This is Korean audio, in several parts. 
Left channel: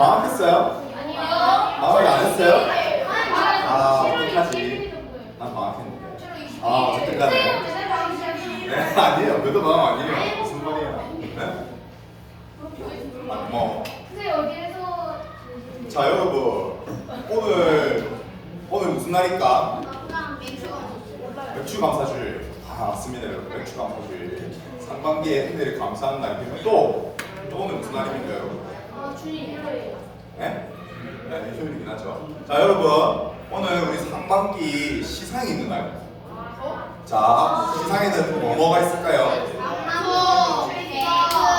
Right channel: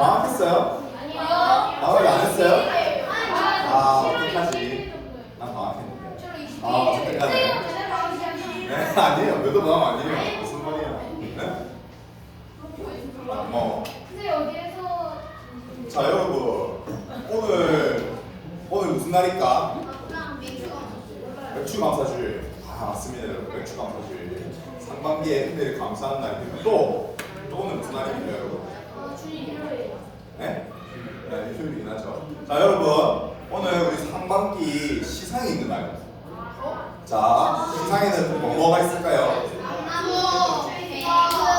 방학했어요? 아니요. 방학 안 했어요? 어떡하지? 난 방학했는데. 어쨌든 간에. 네, 아니에요. 몇도 방학 아니에요. 무슨 말이에요? 네? 뭐. 근데 어디에서 자, 여러분. 오늘 무슨 날일까? 맥주감사주일. 맞습니다, 여러분. 맥주감사주일. 상반기에 은혜를 감사하는 날입니다. 또 오늘 무슨 날입니까, 여러분? 주일이에요. 네? 네, 휴일이긴 하죠. 자, 여러분. 오늘 우리 상반기 시상이 있는 날. 자, 시상에는 뭐가 있을까요?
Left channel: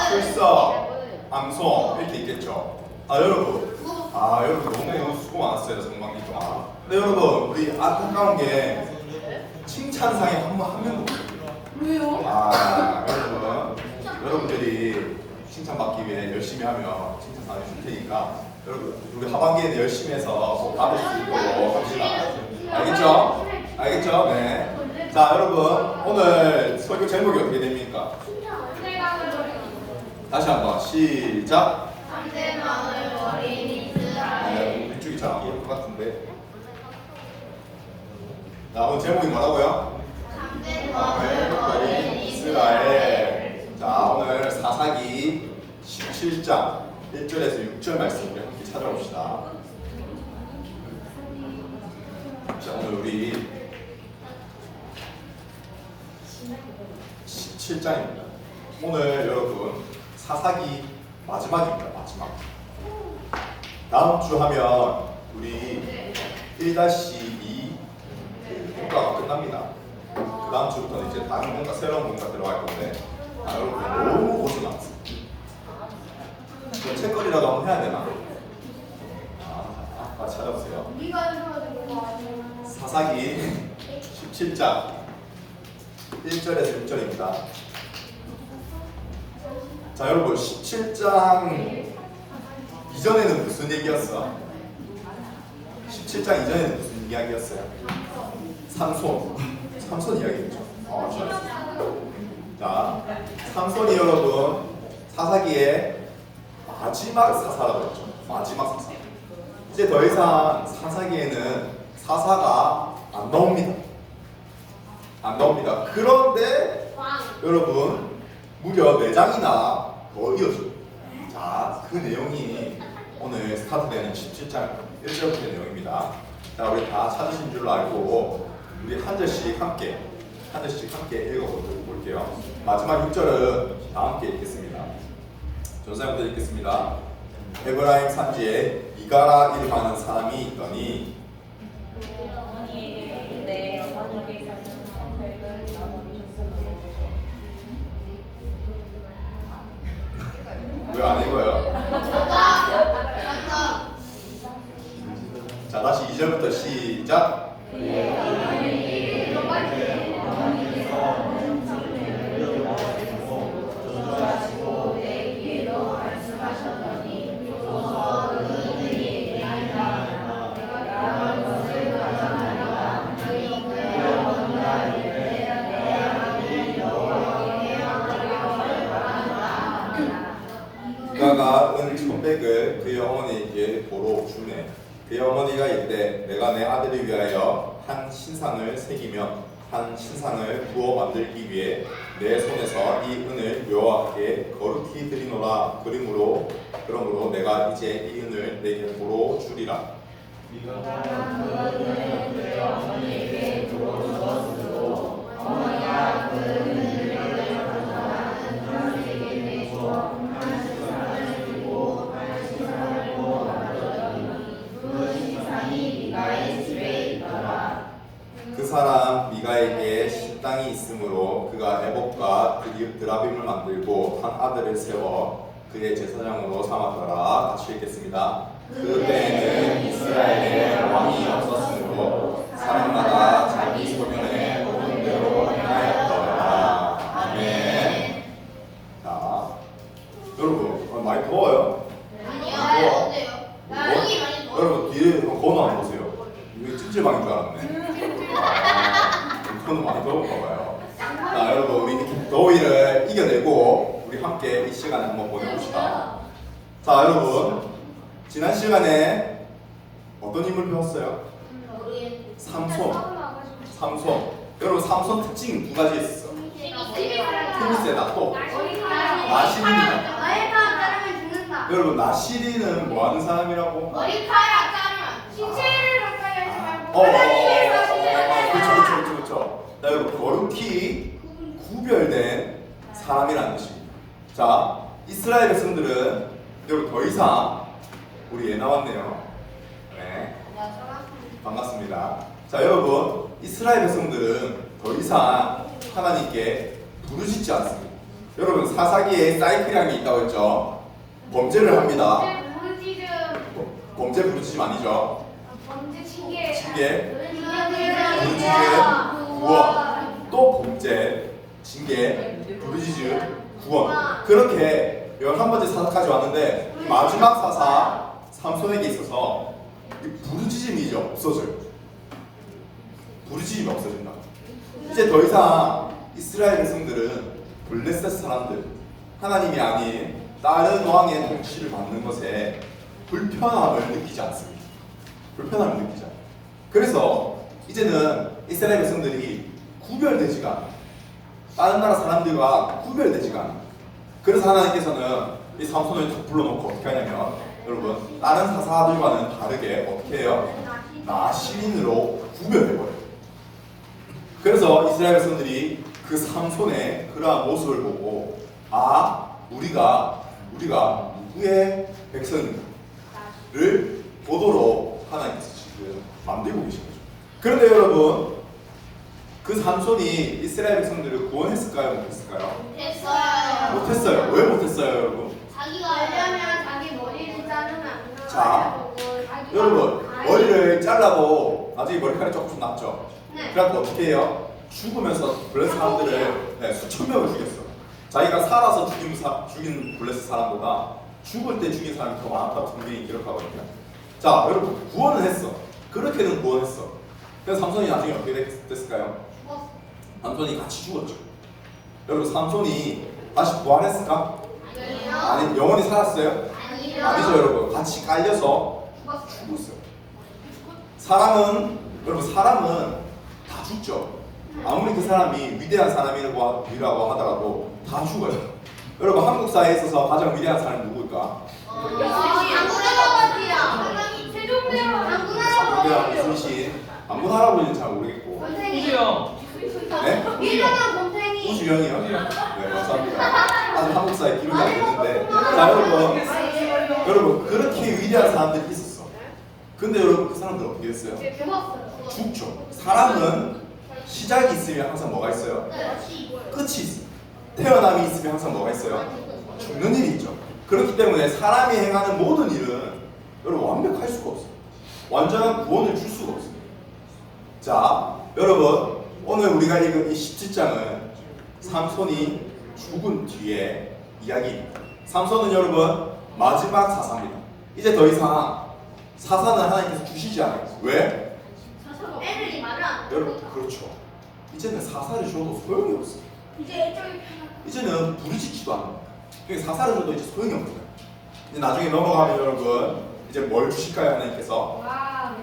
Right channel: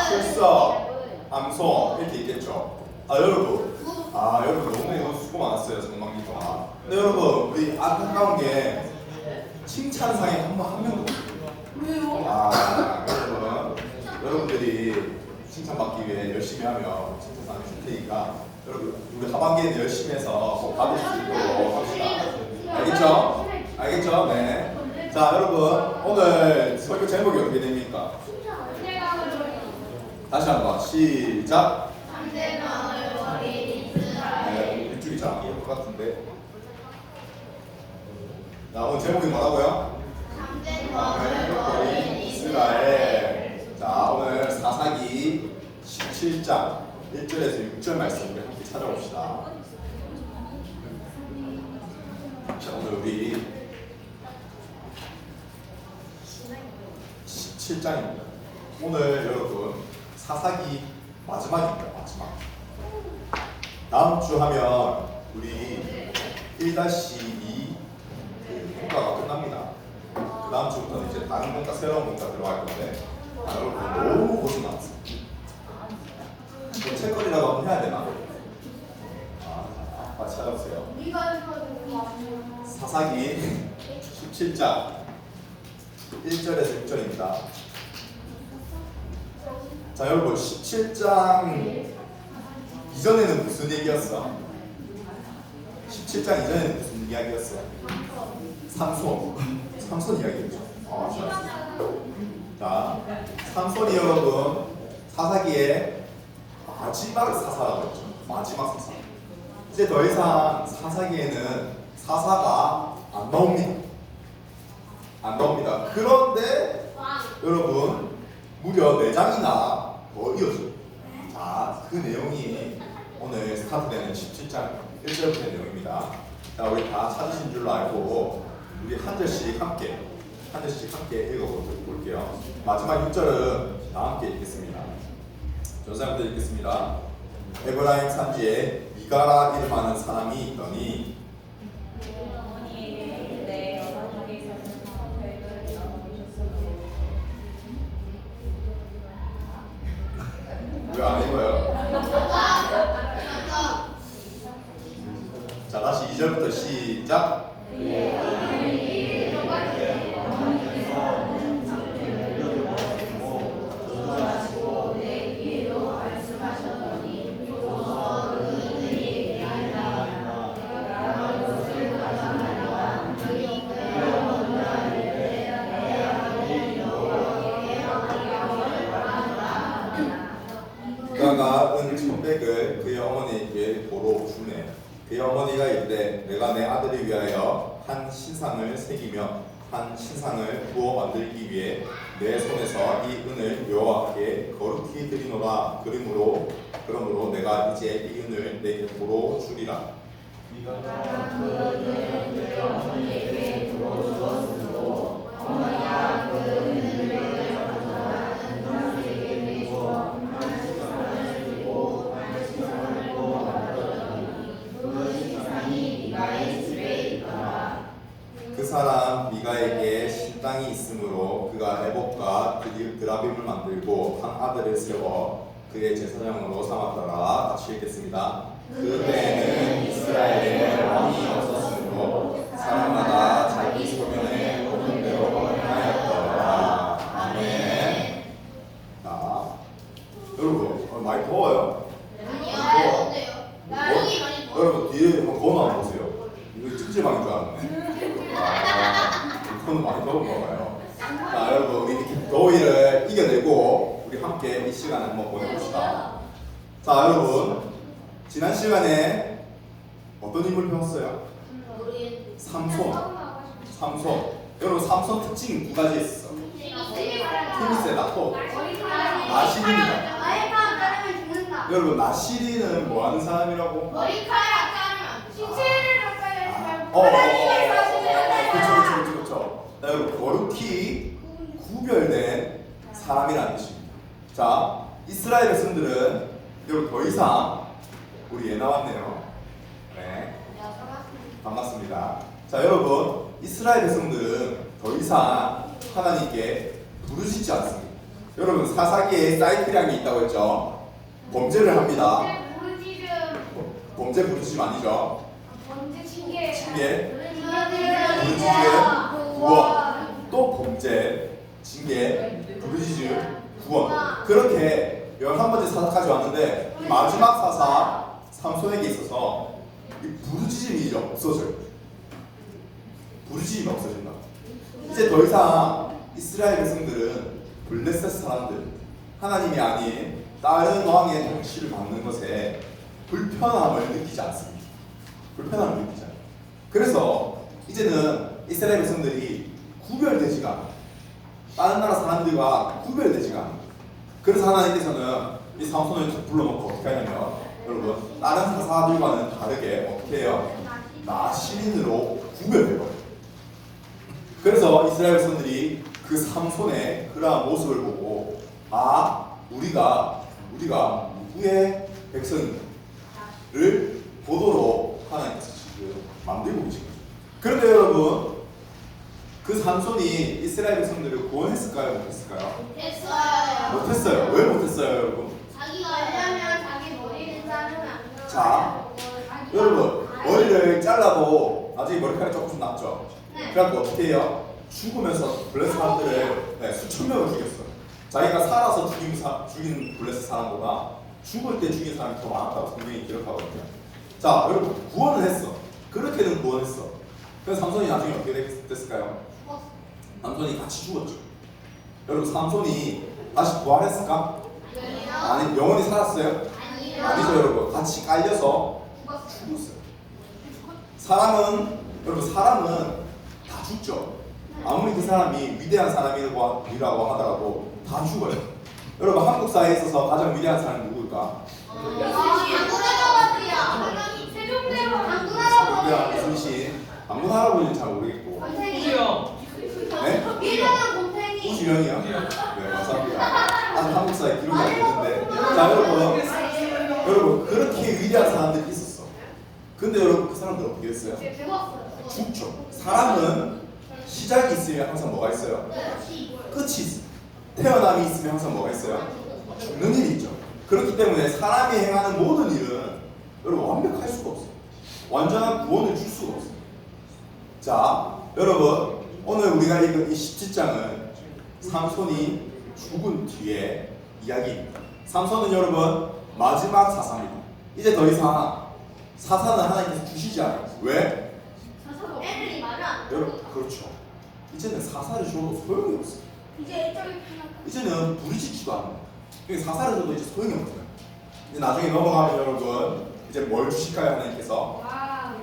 출석, 암송 이렇게 있겠죠. 여러분. 여러분 너무 수고 많았어요, 상반기 동안. 근데 여러분, 우리 안타까운 게 칭찬상에 한 명도 없어요. 왜요? 여러분들이 칭찬받기 위해 열심히 하면 칭찬상을 줄 테니까 여러분 우리 하반기에는 열심히 해서 꼭 받을 수 있도록 합시다. 알겠죠? 알겠죠? 네. 자, 여러분 오늘 설교 제목이 어떻게 됩니까? 다시 한번 시작. 네, 이쪽이 잘 안 보일 것 같은데. 자, 오늘 제목이 뭐라고요? 이스라엘. 자, 오늘 사사기 17장 1절에서 6절 말씀 우리 함께 찾아봅시다. 자, 오늘 우리 17장입니다. 오늘 여러분 사사기 마지막입니다. 마지막. 다음 주 하면 우리 1-2 문과가 끝납니다. 그 다음 주부터는 이제 다른 문과, 새로운 문과 들어갈 건데 여러분 너무 고생 많습니다. 책거리라도 한번 해야 되나? 찾아보세요. 사사기 17장 1절에서 6절입니다. 자, 여러분 17장 이전에는 무슨 얘기였어? 17장 이전에는 무슨 이야기였어요? 삼손 이야기였죠. 자, 삼손이 여러분 사사기의 마지막 사사라고 했죠. 마지막 사사. 이제 더 이상 사사기에는 사사가 안 나옵니다. 안 나옵니다. 그런데 여러분 무려 4장이나 더 이어져요. 자, 그 내용이 오늘 스타트되는 17장 1절부터의 내용입니다. 자, 우리 다 찾으신 줄로 알고 우리 한 절씩 함께 읽어볼게요. 마지막 6절은 다 함께 읽겠습니다. 전사부터 읽겠습니다. 에브라임 산지에 미가라 이름하는 사람이 있더니 왜 안 읽어요? 자, 다시 2절부터 시작. 미가가 은 1,100을 그의 어머니에게 보러 주매 그의 어머니가 이르되 내가 내 아들을 위하여 한 신상을 새기며 한 신상을 부어 만들기 위해 내 손에서 이 은을 여호와께 거룩히 드리노라. 그러므로 내가 이제 이 은을 내게 보러 주리라. 미가가 그 은을 그의 어머니에게 보러 주었으므로 어머니가 그 은을 그 사람 미가에게 신당이 있으므로 그가 에봇과 드라빔을 만들고 한 아들을 세워 그의 제사장으로 삼았더라. 같이 읽겠습니다. 그때에는 이스라엘에 왕이 없었으므로 사람마다 자기 소견에 오는 대로 행하였더라. 아멘. 자, 여러분 많이 더워요? 여러분 뒤에 한번 거울 한번 보세요. 이거 찜질방인 줄 알았네. 이거는 많이 더운가 봐요. 자, 여러분 우리 이렇게 더위를 이겨내고 우리 함께 이 시간을 한번 보내봅시다. 자, 여러분 지난 시간에 어떤 인물 배웠어요? 우리 삼손. 삼손. 여러분 삼손 특징이 두 가지 있었어. 힘이 세다. 또 나시린이다. 머리카락 자르면 죽는다. 여러분 나시린은 뭐 하는 사람이라고? 머리카락 자르면 신체를 가까이 하지 말고 어, 하나님께서 신체를 그렇죠. 자, 여러분 거룩히 구별된 사람이라는 뜻입니다. 자, 이스라엘 백성들은 여러분 더 이상 우리 애 나왔네요. 네, 반갑습니다. 자, 여러분 이스라엘 백성들은 더 이상 하나님께 부르짖지 않습니다. 여러분 사사기에 사이클량이 있다고 했죠. 범죄를 합니다. 부르짖음 범죄 부르짖음 아니죠. 범죄 징계 징계, 부르짖음 구원, 또 범죄, 징계, 부르짖음, 구원. 그렇게 11번째 사사까지 왔는데 마지막 사사 삼손에게 있어서 이 부르짖음이 이제 없어져요. 부르짖음이 없어진다. 이제 더 이상 이스라엘 백성들은 블레셋 사람들, 하나님이 아닌 다른 왕의 통치를 받는 것에 불편함을 느끼지 않습니다. 불편함을 느끼지 않아요. 그래서 이제는 이스라엘 백성들이 구별되지가 않아요. 다른 나라 사람들과 구별되지가 않아요. 그래서 하나님께서는 이 삼손을 딱 불러놓고 어떻게 하냐면 여러분 다른 사사들과는 다르게 어떻게 해요? 나시린으로 구별해버려요. 그래서 이스라엘 백성들이 그 삼손의 그러한 모습을 보고 아 우리가 누구의 백성인가를 보도록 하나님께서 지금 만들고 계신 거죠. 그런데 여러분 그 삼손이 이스라엘 백성들을 구원했을까요? 못했을까요? 됐어요. 못했어요. 왜 못했어요, 여러분? 자기가 하려면 자기 머리를 자르면 안 돼요. 자, 여러분 머리를 잘라도 나중에 머리카락이 조금씩 났죠. 네. 그래갖고 어떻게 해요? 죽으면서 블레셋 사람들을 수천 명을 죽였어. 자기가 살아서 죽인 블레셋 사람보다 죽을 때 죽인 사람이 더 많았다고 성경이 기록하거든요. 자, 여러분 구원을 했어. 그렇게는 구원했어. 그래서 삼손이 나중에 어떻게 됐을까요? 삼손이 같이 죽었죠. 여러분 삼손이 다시 부활했을까? 아니, 영원히 살았어요? 아니죠, 여러분. 같이 깔려서 죽었어요. 사람은 다 죽죠. 아무리 그 사람이 위대한 사람이라고 하더라도 다 죽어요. 여러분 한국 사회에 있어서 가장 위대한 사람이 누구일까? 우리가 이순신, 방군 할아버지는 잘 모르겠고. 네? 우주영이요? 네, 감사합니다. 아직 한국 사회 기록이 안 됐는데. 자, 여러분 그렇게 위대한 사람들이 있었어. 근데 여러분 그 사람들 어떻게 했어요? 죽죠. 사람은 시작이 있으면 항상 뭐가 있어요? 끝이 있어요. 태어남이 있으면 항상 뭐가 있어요? 죽는 일이 있죠. 그렇기 때문에 사람이 행하는 모든 일은 여러분 완벽할 수가 없어요. 완전한 구원을 줄 수가 없어요. 자, 여러분 오늘 우리가 읽은 이 17장은 삼손이 죽은 뒤에 이야기입니다. 삼손은 여러분 마지막 사사입니다. 이제 더 이상 사사는 하나님께서 주시지 않아요. 왜? 애들이 많아. 여러분 그렇죠. 이제는 사사를 줘도 소용이 없어요. 이제는 부르짖지도 않아요. 그러니까 사사를 줘도 이제 소용이 없어요. 이제 나중에 넘어가면 여러분 이제 뭘 주실까요? 하나님께서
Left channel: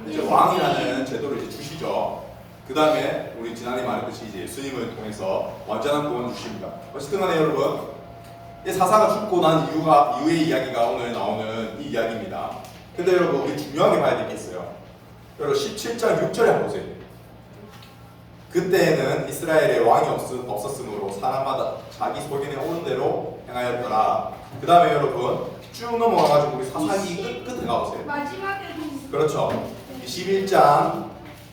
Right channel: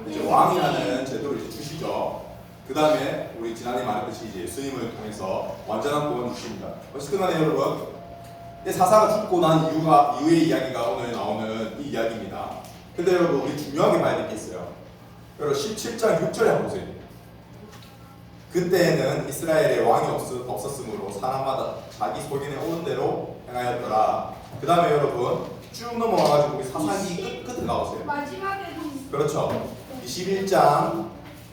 이제 왕이라는 제도를 이제 주시죠. 그 다음에 우리 지난해 말했듯이 이제 예수님을 통해서 완전한 구원을 주십니다. 어쨌든 간에 여러분 이 사사가 죽고 난 이후의 이야기가 오늘 나오는 이 이야기입니다. 근데 여러분 우리 중요하게 봐야 될 게 있어요. 여러분 17장 6절에 한번 보세요. 그때에는 이스라엘에 왕이 없었으므로 사람마다 자기 소견에 오는 대로 행하였더라. 그 다음에 여러분 쭉 넘어가가지고 우리 사사기 끝에 가보세요. 마지막에는 그렇죠. 21장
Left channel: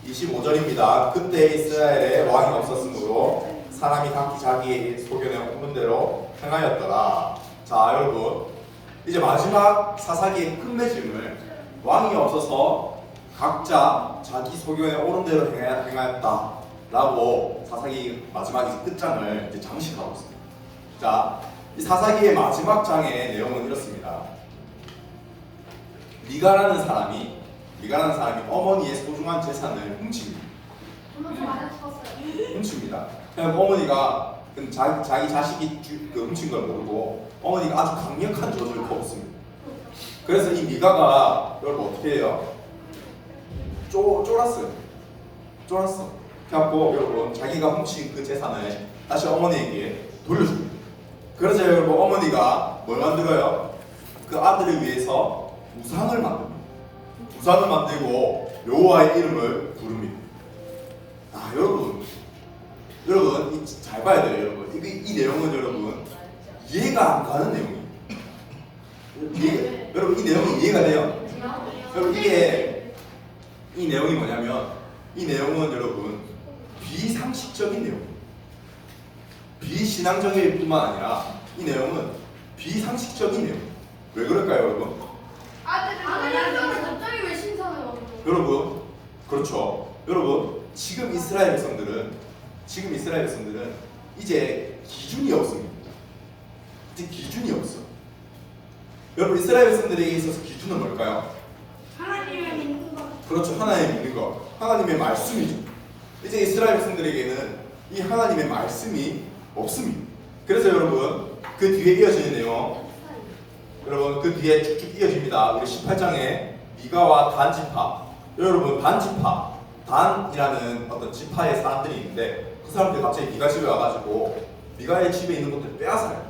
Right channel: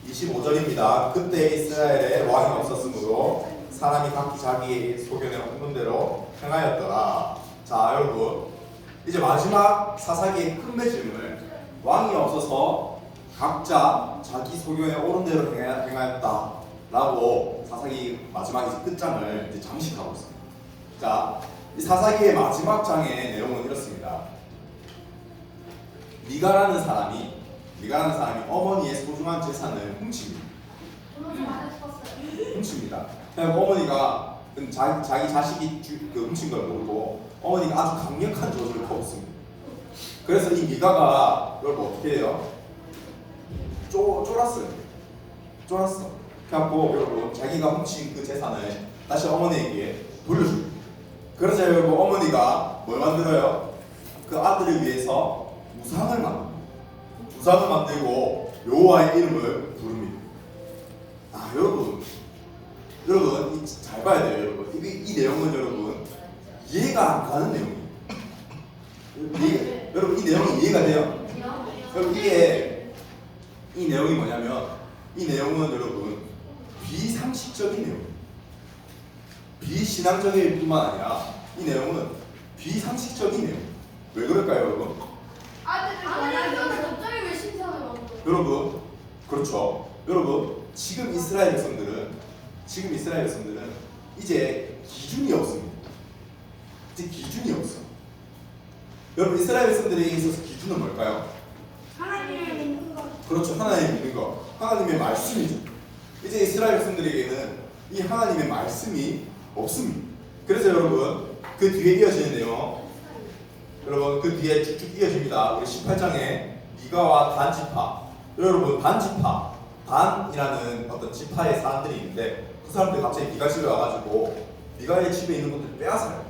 25절입니다. 그때 이스라엘에 왕이 없었으므로 사람이 각기 자기 소견에 오는 대로 행하였더라. 자, 여러분 이제 마지막 사사기의 끝맺음을 왕이 없어서 각자 자기 소견에 오른 대로 행하였다 라고 사사기 마지막 끝장을 이제 잠식하고 있습니다. 자, 이 사사기의 마지막 장의 내용은 이렇습니다. 미가라는 사람이 어머니의 소중한 재산을 훔칩니다. 훔칩니다. 그냥 어머니가 자기 자식이 훔친 걸 모르고 어머니가 아주 강력한 저주를 퍼붓습니다. 그래서 이 미가가 여러분 어떻게 해요? 쫄았어요. 쫄았어. 그래갖고 여러분 자기가 훔친 그 재산을 다시 어머니에게 돌려줍니다. 그래서 여러분 어머니가 뭘 만들어요? 그 아들을 위해서 우상을 만듭니다. 우상을 만들고 여호와의 이름을 부릅니다. 아 여러분 잘 봐야 돼요 여러분. 이 내용은 여러분 이해가 안 가는 내용이에요. 여러분 이 내용이 이해가 돼요? 여러분 이 내용이 뭐냐면 이 내용은 여러분 비상식적인 내용이에요. 비신앙적일 뿐만 아니라 이 내용은 비상식적인 내용이에요. 왜 그럴까요 여러분? 아들을 갑자기 왜 신상을 먹는 거예요? 여러분 그렇죠. 여러분 지금 이스라엘 백성들은 이제 기준이 없습니다. 이제 기준이 없어. 여러분 이스라엘 백성들에게 있어서 기준은 뭘까요? 하나님을 믿는 것. 그렇죠. 하나님 믿는 거. 하나님의 말씀이죠. 이제 이스라엘 백성들에게는 이 하나님의 말씀이 없습니다. 그래서 여러분 그 뒤에 이어지는 내용 여러분 그 뒤에 쭉쭉 이어집니다. 우리 18장에 미가와 단 지파 여러분 단 지파 단이라는 어떤 지파의 사람들이 있는데 그 사람들이 갑자기 미가 집에 와가지고 미가의 집에 있는 것들 빼앗아요.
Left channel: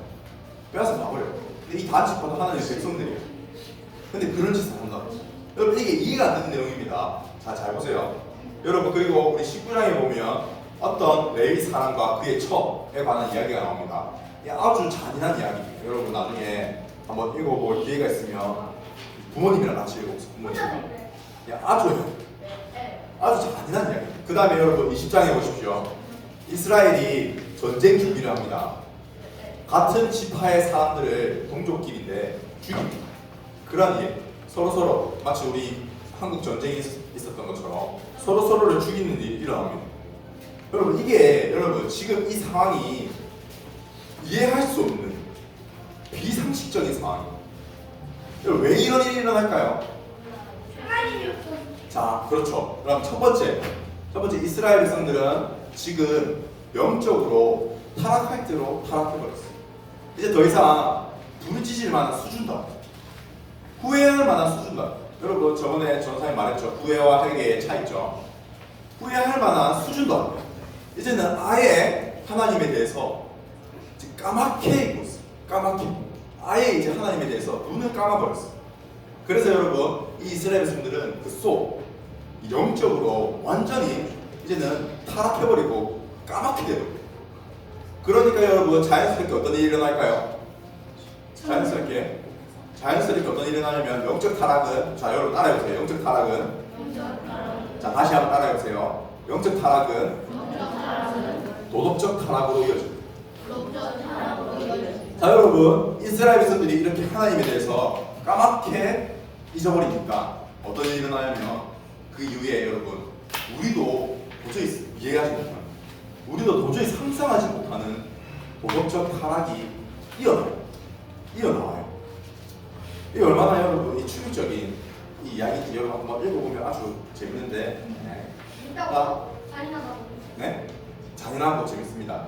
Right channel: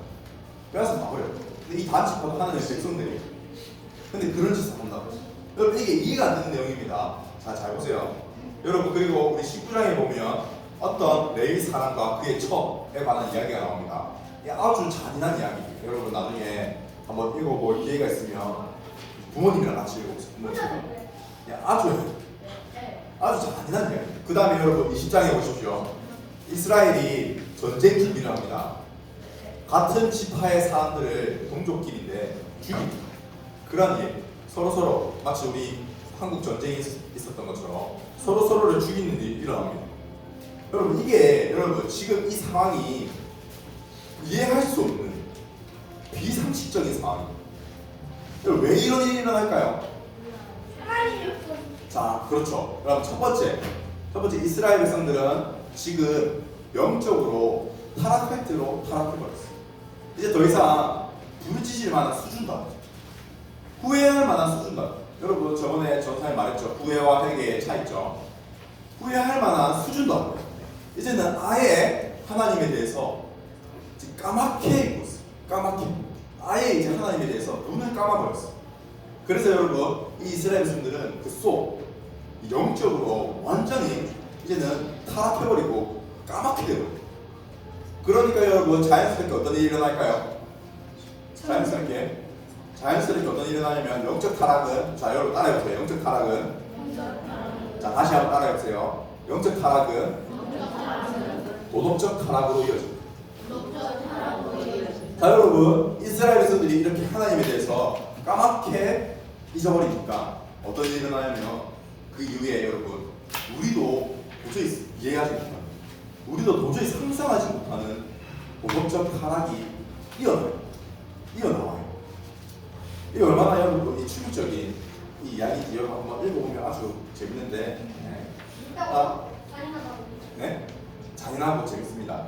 빼앗아 막으려고. 근데 이 단 지파도 하나님의 백성들이에요. 근데 그런 짓을 한다고. 여러분 이게 이해가 안 되는 내용입니다. 자, 잘 보세요. 여러분 그리고 우리 19장에 보면 어떤 레위 사람과 그의 첩에 관한 이야기가 나옵니다. 이게 아주 잔인한 이야기예요. 여러분 나중에 한번 읽어볼 기회가 있으면 부모님이랑 같이 읽어보세요. 부모님이랑. 아주 잔인한 이야기. 그 다음에 여러분 20장에 보십시오. 이스라엘이 전쟁 준비를 합니다. 같은 지파의 사람들을 동족끼리인데 죽입니다. 그런 일 서로 마치 우리 한국 전쟁이 있었던 것처럼 서로를 죽이는 일이 일어납니다. 여러분 이게 여러분 지금 이 상황이 이해할 수 없는 비상식적인 상황이에요. 여러분 왜 이런 일이 일어날까요? 하나님이 없어. 자, 그렇죠. 그럼 첫 번째 이스라엘 백성들은 지금 영적으로 타락할 대로 타락해버렸어요. 이제 더 이상 부르짖을 만한 수준도 후회할 만한 수준도 여러분 저번에 전사에 말했죠. 후회와 회개의 차이점. 후회할 만한 수준도 안 돼요. 이제는 아예 하나님에 대해서 까맣게 있고 있어요. 까맣게. 아예 이제 하나님에 대해서 눈을 감아버렸어요. 그래서 여러분 이 이스라엘 백성들은 그 속 영적으로 완전히 이제는 타락해버리고 까맣게 돼버려요. 그러니까 여러분 자연스럽게 어떤 일이 일어날까요? 자연스럽게 어떤 일이 일어나냐면 영적 타락은 자 여러분 따라해보세요. 영적 타락은 자 다시 한번 따라해보세요. 영적 타락은 도덕적 타락으로 이어집니다. 자 여러분 이스라엘 백성들이 이렇게 하나님에 대해서 까맣게 잊어버리니까 어떤 일이 일어나냐면 그 이후에 여러분 우리도 도저히 이해하지 못하는 우리도 도저히 상상하지 못하는 도덕적 타락이 이어나와요. 이게 얼마나 여러분 이 충격적인 이 이야기인지 여러분 한번 읽어보면 아주 재밌는데 있다고 잔인하다고. 네? 잔인하고 재밌습니다.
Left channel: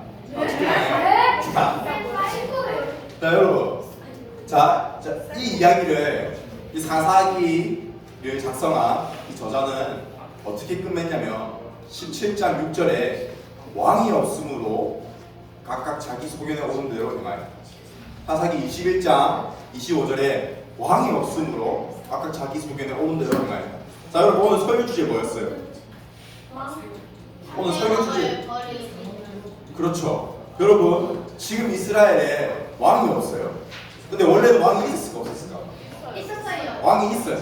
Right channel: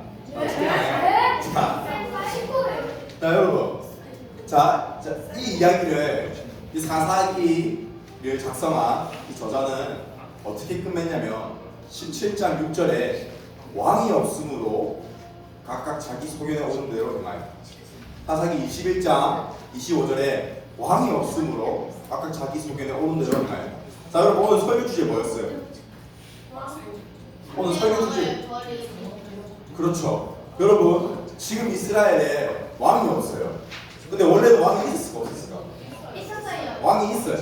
자 여러분 이 이야기를 이 사사기를 작성한 이 저자는 어떻게 끝맺냐면 17장 6절에 왕이 없으므로 각각 자기 소견에 오른 대로 행하여 사사기 21장 25절에 왕이 없으므로 각각 자기 소견에 오른 대로 행하여. 자 여러분 오늘 설교 주제 뭐였어요? 오늘 설교 주제 그렇죠. 여러분 지금 이스라엘에 왕이 없어요. 근데 원래도 왕이 있을까 없었을까? 있었어요. 왕이 있어요.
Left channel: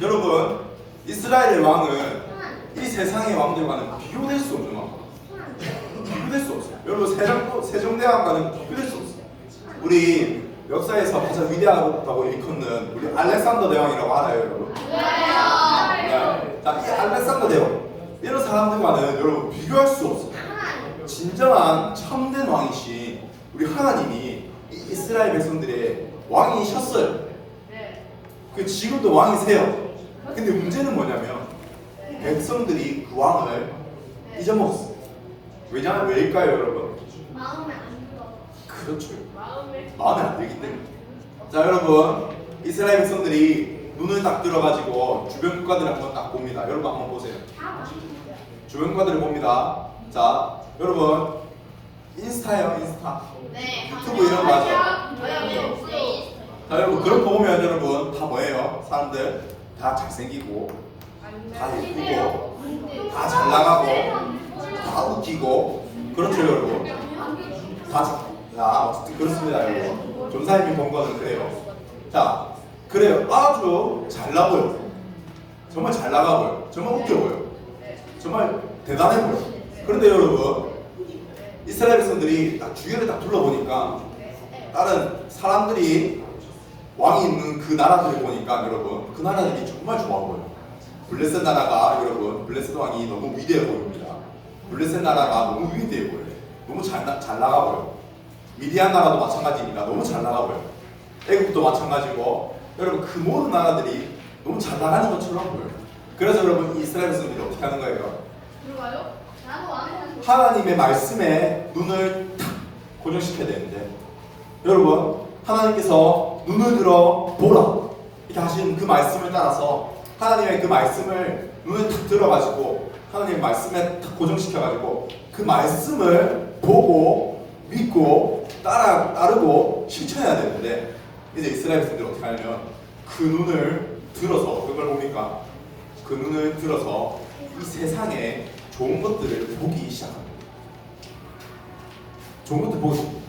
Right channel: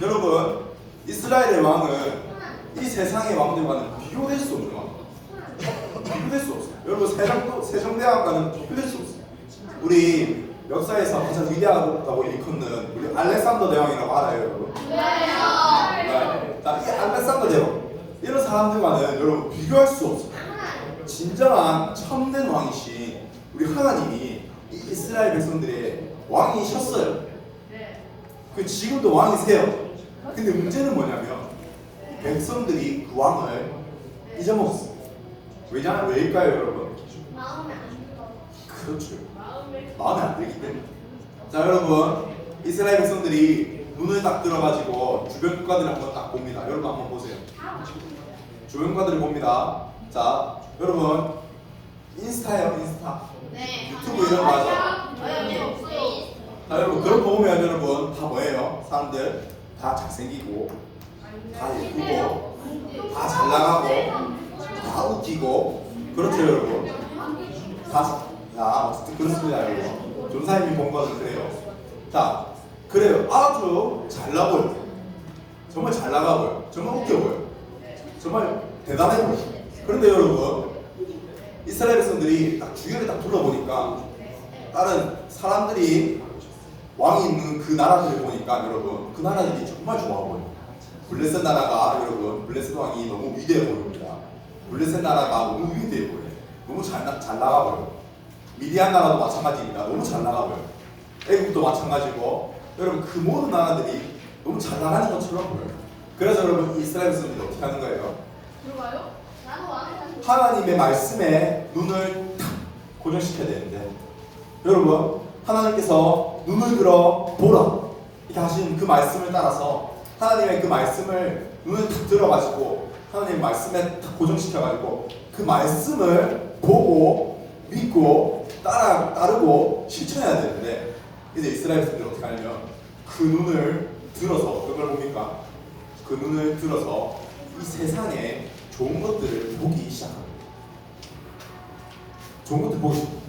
여러분 이스라엘의 왕은 이 세상의 왕들과는 비교될 수 없는 왕. 비교될 수 없어요. 여러분 세종대왕과는 비교될 수 없어요. 우리 역사에서 가장 위대하다고 일컫는 우리 알렉산더 대왕이라고 알아요, 여러분? 네. 자, 이 알렉산더 대왕 이런 사람들과는 여러분 비교할 수 없어요. 진정한 참된 왕이신 우리 하나님이 이 이스라엘 백성들의 왕이셨어요. 그 지금도 왕이세요. 근데 문제는 뭐냐면 백성들이 그 왕을 잊어먹었어요. 왜냐면 왜일까요, 여러분? 마음에 안 들어. 그렇죠. 마음에 안 들기 때문에. 자, 여러분 이스라엘 백성들이 눈을 딱 들어가지고 주변 국가들을 한번 딱 봅니다. 여러분 한번 보세요. 주변 국가들을 봅니다. 자, 여러분 인스타요, 인스타. 네. 유튜브 이런 거 하죠. 네. 자, 여러분 그런 거 보면 여러분 다 뭐예요? 사람들 다 잘생기고, 다 예쁘고, 다 잘 나가고, 다 웃기고, 그렇죠 여러분. 어쨌든 그렇습니다 여러분. 전사님이 본 거는 그래요. 자, 그래요. 아주 잘나 보여. 정말 잘 나가 보여. 정말 웃겨 보여. 정말 대단해 보여. 그런데 여러분, 이스라엘 백성들이 딱 주위를 딱 둘러보니까 다른 사람들이 왕이 있는 그 나라들을 보니까 여러분, 그 나라들이 정말 좋아 보여요. 블레셋 나라가 여러분, 블레셋 왕이 너무 위대해 보입니다. 블레셋 나라가 너무 위대해 보여요. 너무 잘 나가 보여요. 미디안 나라도 마찬가지입니다. 너무 잘 나가 보여요. 애국도 마찬가지고, 여러분 그 모든 나라들이 너무 잘 나가는 것처럼 보여요. 그래서 여러분 이스라엘 백성들이 어떻게 하는 거예요? 뭘까요? 나도 안 해. 하나님의 말씀에 눈을 탁 고정시켜야 되는데, 여러분 하나님께서 눈을 들어 보라 이렇게 하신 그 말씀을 따라서 하나님의 그 말씀을 눈을 탁 들어가지고 하나님의 말씀에 탁 고정시켜가지고 그 말씀을 보고 믿고 따르고 실천해야 되는데, 이제 이스라엘 백성들이 어떻게 하냐면 그 눈을 들어서 어떤 걸 봅니까? 그 눈을 들어서 이 세상에 좋은 것들을 보기 시작합니다. 좋은 것들 보기 시작합니다.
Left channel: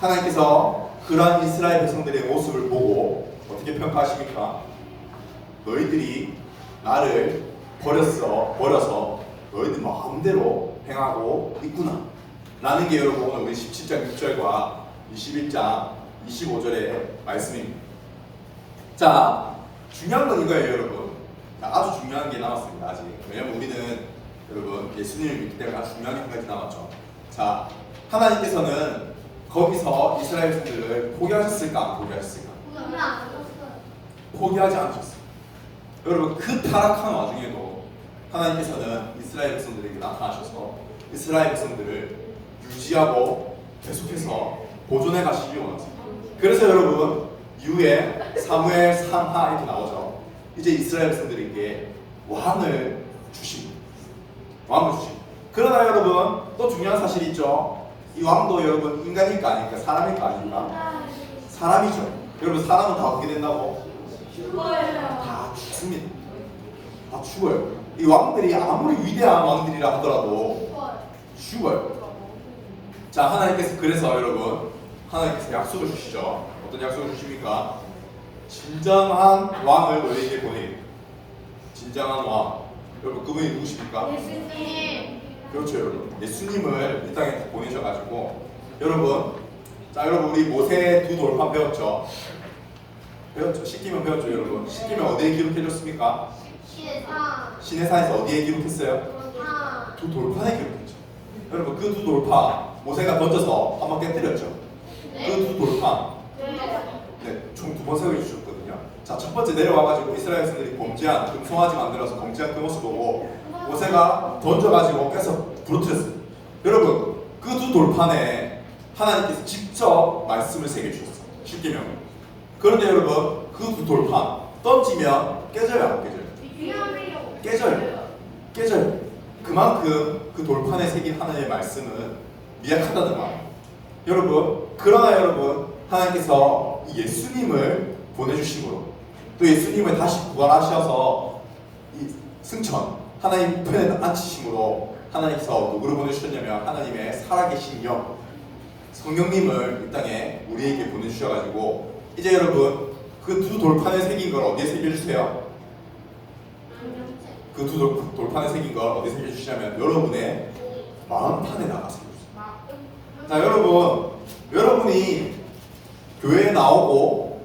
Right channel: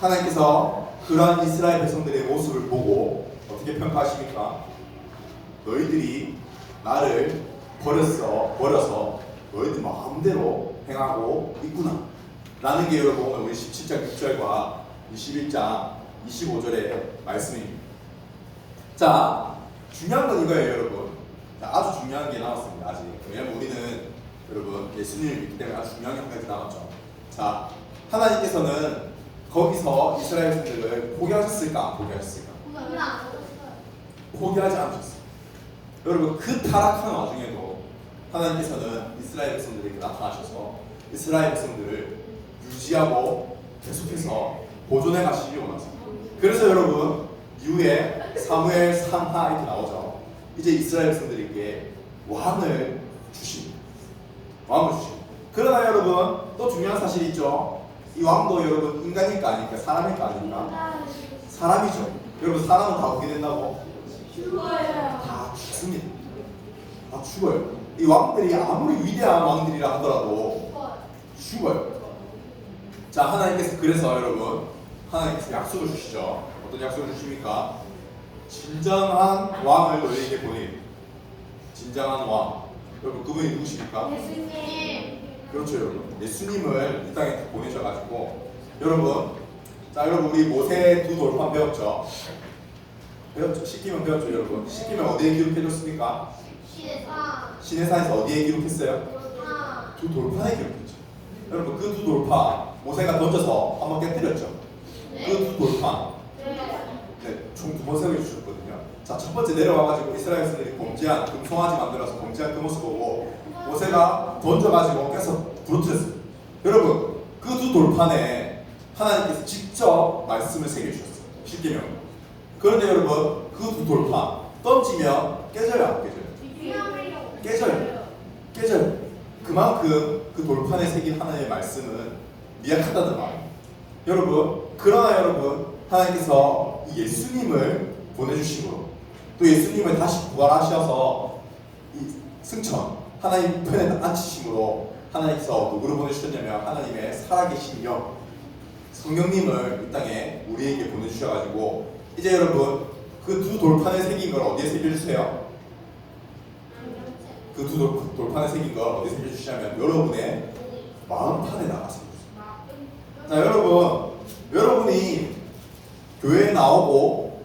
하나님께서 그러한 이스라엘 백성들의 모습을 보고 어떻게 평가하십니까? 너희들이 나를 버려서 너희들 마음대로 행하고 있구나 라는 게 여러분 우리 17장 6절과 21장 25절의 말씀입니다. 자, 중요한 건 이거예요 여러분. 자, 아주 중요한 게 남았습니다 아직. 왜냐면 우리는 여러분 예수님을 믿기 때문에 아주 중요한 게 한 가지 남았죠. 자, 하나님께서는 거기서 이스라엘 백성들을 포기하셨을까 안 포기하셨을까? 포기하지 않으셨어요. 여러분 그 타락한 와중에도 하나님께서는 이스라엘 백성들에게 나타나셔서 이스라엘 백성들을 유지하고 계속해서 보존해 가시기 원하십니다. 그래서 여러분 이후에 사무엘 3하 이렇게 나오죠. 이제 이스라엘 백성들에게 왕을 주십니다. 왕을 주십니다. 그러나 여러분 또 중요한 사실이 있죠. 이 왕도 여러분 인간일까 아닙니까? 사람일까 아닙니까? 사람이죠. 여러분 사람은 다 어떻게 된다고? 다 죽습니다. 다 죽어요. 이 왕들이 아무리 위대한 왕들이라 하더라도 죽어요. 자, 하나님께서 그래서 여러분 하나님께서 약속을 주시죠. 어떤 약속을 주십니까? 진정한 왕을 너희에게 보내겠다. 진정한 왕. 여러분 그분이 누구십니까? 예수님. 그렇죠 여러분. 예수님을 이 땅에 보내셔가지고 여러분, 자 여러분 우리 모세 두 돌판 배웠죠? 배웠죠? 시키면 배웠죠 여러분. 시키면 어디에 기록해줬습니까? 시내산에서 어디에 기록했어요? 두 돌판에 기록했죠. 여러분 그 두 돌판 모세가 던져서 한번 깨뜨렸죠. 그 두 돌판 총 2번 세워주셨거든요. 자, 첫 번째 내려와가지고 이스라엘 백성들이 범죄한 금송아지 만들어서 범죄한 그 모습 보고 모세가 던져가지고 깨서 부러뜨렸어요. 여러분 그 두 돌판에 하나님께서 직접 말씀을 새겨주셨어요. 십계명. 그런데 여러분 그 두 돌판 던지면 깨져요 안 깨져요? 깨져요. 그만큼 그 돌판에 새긴 하나님의 말씀은 미약하다는 말이에요. 여러분 그러나 여러분 하나님께서 예수님을 보내주심으로 또 예수님을 다시 부활하셔서 이 승천 하나님 편에 앉히심으로 하나님께서 누구를 보내주셨냐면 하나님의 살아계신 영 성령님을 이 땅에 우리에게 보내주셔가지고 이제 여러분 그 두 돌판에 새긴 걸 어디에 새겨주세요? 그 두 돌판에 새긴 걸 어디에 새겨주시냐면 여러분의 마음판에 나가서 새겨주세요. 자 여러분이 교회에 나오고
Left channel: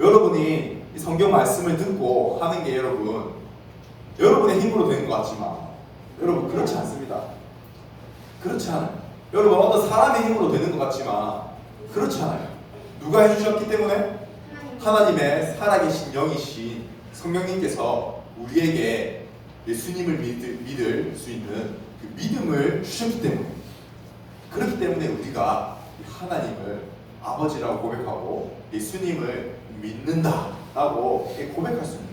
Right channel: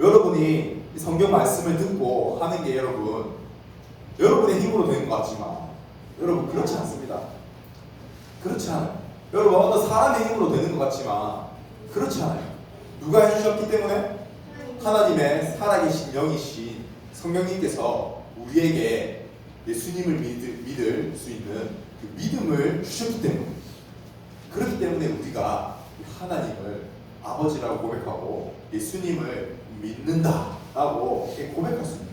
여러분이 이 성경 말씀을 듣고 하는 게 여러분의 힘으로 되는 것 같지만 여러분 그렇지 않습니다. 그렇지 않아요. 여러분 어떤 사람의 힘으로 되는 것 같지만 그렇지 않아요. 누가 해주셨기 때문에? 하나님의 살아계신 영이신 성령님께서 우리에게 예수님을 믿을 수 있는 그 믿음을 주셨기 때문에, 그렇기 때문에 우리가 하나님을 아버지라고 고백하고 예수님을 믿는다라고 고백할 수 있는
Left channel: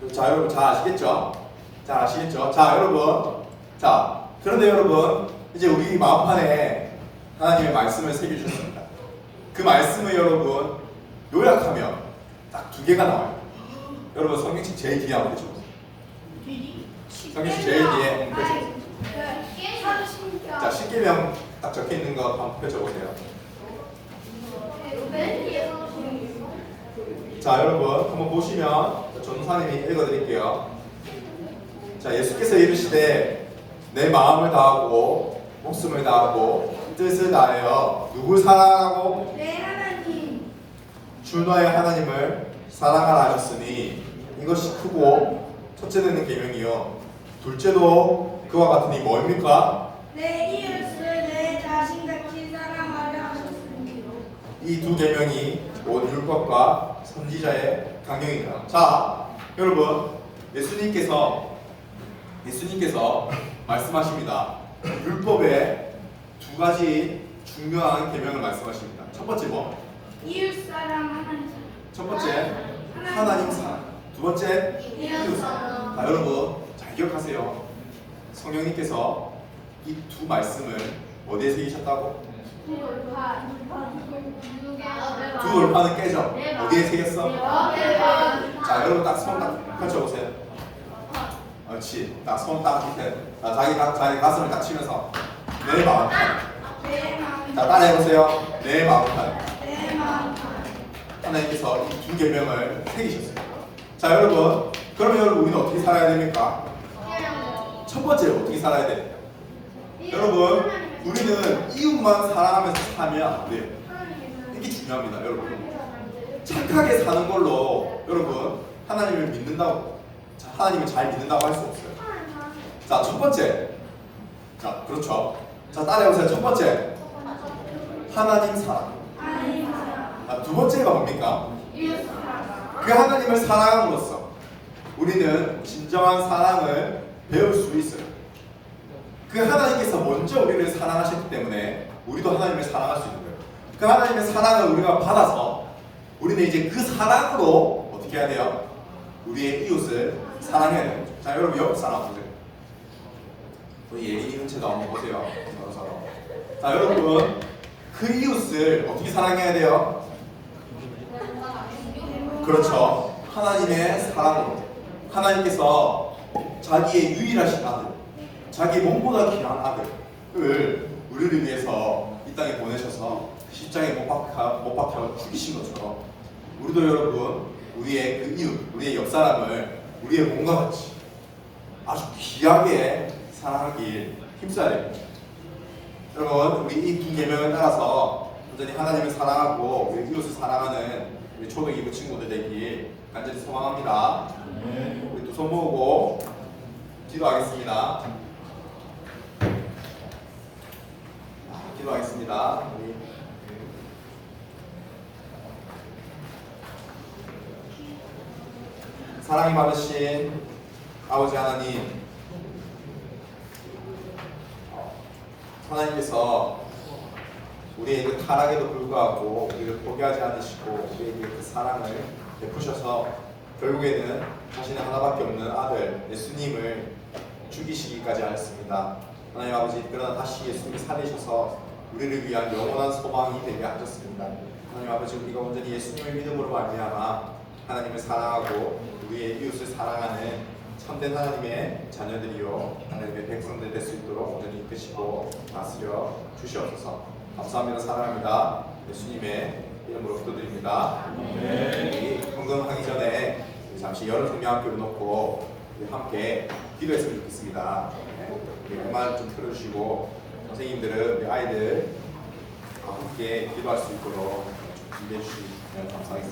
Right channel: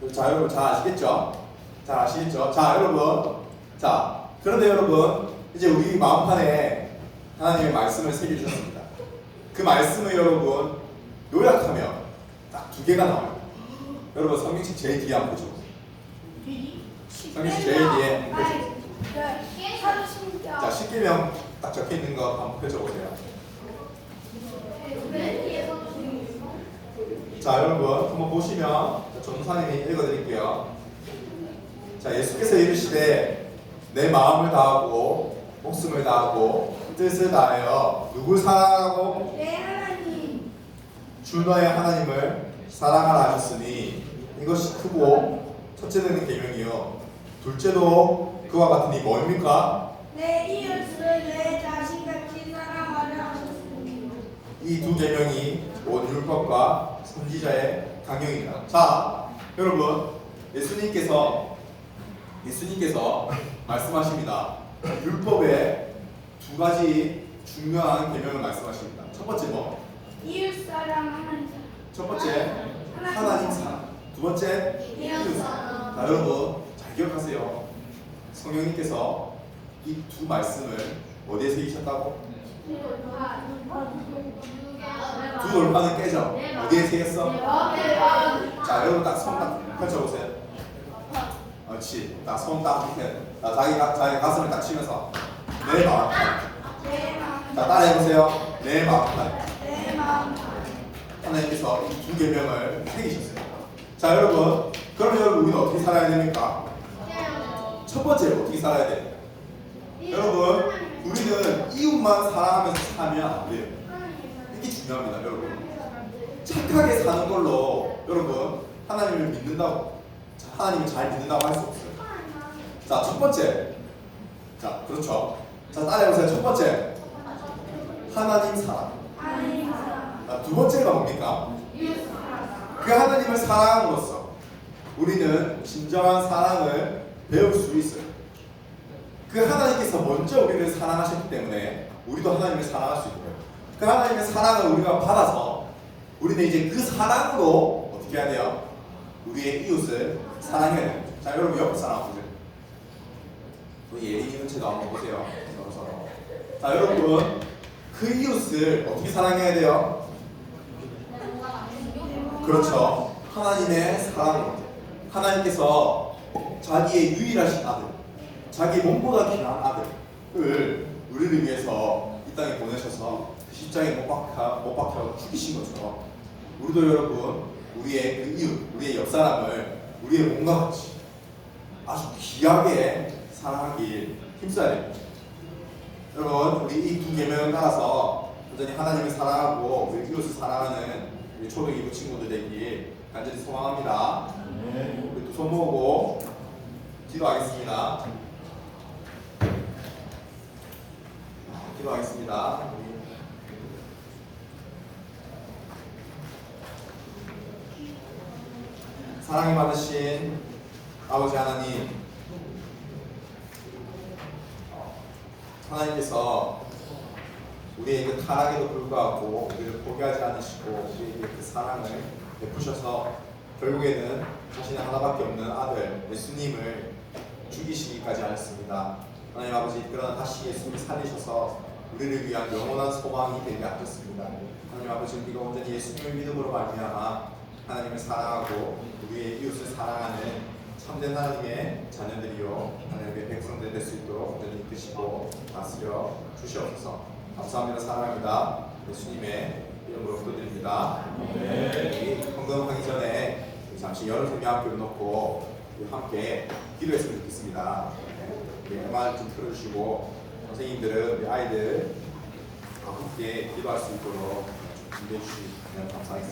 거예요. 자, 여러분 잘 아시겠죠? 잘 아시겠죠? 자, 여러분. 자, 그런데 여러분, 이제 우리 마음판에 하나님의 말씀을 새겨주셨습니다. 그 말씀을 여러분 요약하면 딱 두 개가 나와요. 여러분 성경책 제일 뒤에 한번 보셔보세요. 성경책 제일 뒤에 펼쳐보세요. 자, 십계명 딱 적혀 있는 거 한번 펼쳐보세요. 자, 여러분 한번 보시면 전도사님이 읽어드릴게요. 자, 예수께서 이르시되 내 마음을 다하고 목숨을 다하고 뜻을 다하여 누굴 사랑하고 내 하나님 주 너의 하나님을 사랑하라 하셨으니 이것이 크고 첫째 되는 계명이요 둘째도 그와 같으니 뭐입니까? 내 이웃을 내 자신같이 사랑하라 하셨으니 이 두 계명이 온 율법과 선지자의 강령이다. 자, 여러분 예수님께서 말씀하십니다. 율법의 두 가지 중요한 계명을 말씀하십니다. 첫 번째 뭐? 이웃 사랑 하나님 사랑 첫 번째 하나님 사랑. 두 번째 이웃 사랑. 자, 여러분 잘 기억하세요. 성령님께서 이 두 말씀을 어디에 새기셨다고? 두 돌파는 깨져. 어디에 새겼어? 자, 여러분 딱 손 딱 펼쳐보세요. 그렇지. 딱 손 딱 밑에. 자, 자기 가슴을 딱 치면서 내 마음. 내 마음 자, 따라해보세요. 내 마음. 내 마음 하나님께서 이 두 계명을 새기셨어요. 자, 여러분. 그러면 여러분 우리는 어떻게 살아야 됩니까? 첫 번째 어떻게 살아야 돼? 여러분, 우리는 이웃만 사랑하면서 살면 안 돼요. 이게 중요합니다, 여러분. 착하게 사는 걸로 여러분 하나님을 믿는다고, 하나님을 잘 믿는다고 할 수 없어요. 자, 첫 번째. 자, 그렇죠. 자, 따라해보세요. 첫 번째. 하나님 사랑. 하나님 사랑 자, 두 번째가 뭡니까? 이웃 사랑 그 하나님을 사랑함으로써 우리는 진정한 사랑을 배울 수 있어요. 그 하나님께서 먼저 우리를 사랑하셨기 때문에 우리도 하나님을 사랑할 수 있는 거예요. 그 하나님의 사랑을 우리가 받아서 우리는 이제 그 사랑으로 어떻게 해야 돼요? 우리의 이웃을 사랑해야 돼요. 자, 여러분 옆에 사람 보세요. 우리 예린이 눈치도 한번 보세요. 서로. 자, 여러분 그 이웃을 어떻게 사랑해야 돼요? 그렇죠. 하나님의 사랑으로. 하나님께서 자기의 유일하신 아들, 자기 몸보다 귀한 아들을 우리를 위해서 이 땅에 보내셔서 십자가에 못 박혀 죽이신 것처럼 우리도 여러분 우리의 그 이웃, 우리의 옆 사람을 우리의 몸과 같이 아주 귀하게 사랑하길 힘써야 됩니다. 여러분, 우리 이 두 계명을 따라서 완전히 하나님을 사랑하고 우리 이웃을 사랑하는 우리 초등 2부 친구들 되길 간절히 소망합니다. 우리 또 손 모으고 기도하겠습니다. 기도하겠습니다. 사랑이 받으신 아버지 하나님, 하나님께서 우리의 그 타락에도 불구하고 우리를 포기하지 않으시고 우리에게 그 사랑을 베푸셔서 결국에는 자신의 하나밖에 없는 아들 예수님을 죽이시기까지 하였습니다. 하나님 아버지, 그러나 다시 예수님을 살리셔서 우리를 위한 영원한 소망이 되게 하셨습니다. 하나님 아버지, 우리가 온전히 예수님을 믿음으로 말미암아 하나님을 사랑하고 우리의 이웃을 사랑하는 참된 하나님의 자녀들이요 하나님의 백성들 될 수 있도록 온전히 이끄시고 다스려 주시옵소서. 감사합니다. 사랑합니다. 예수님의 이름으로 기도드립니다. 우리 헌금하기 전에 우리 잠시 여름 성경학교를 놓고 우리 함께 기도했으면 좋겠습니다. 우리 음악 좀 틀어주시고 선생님들은 우리 아이들 함께 기도할 수 있도록 좀 준비해 주시면 감사하겠습니다.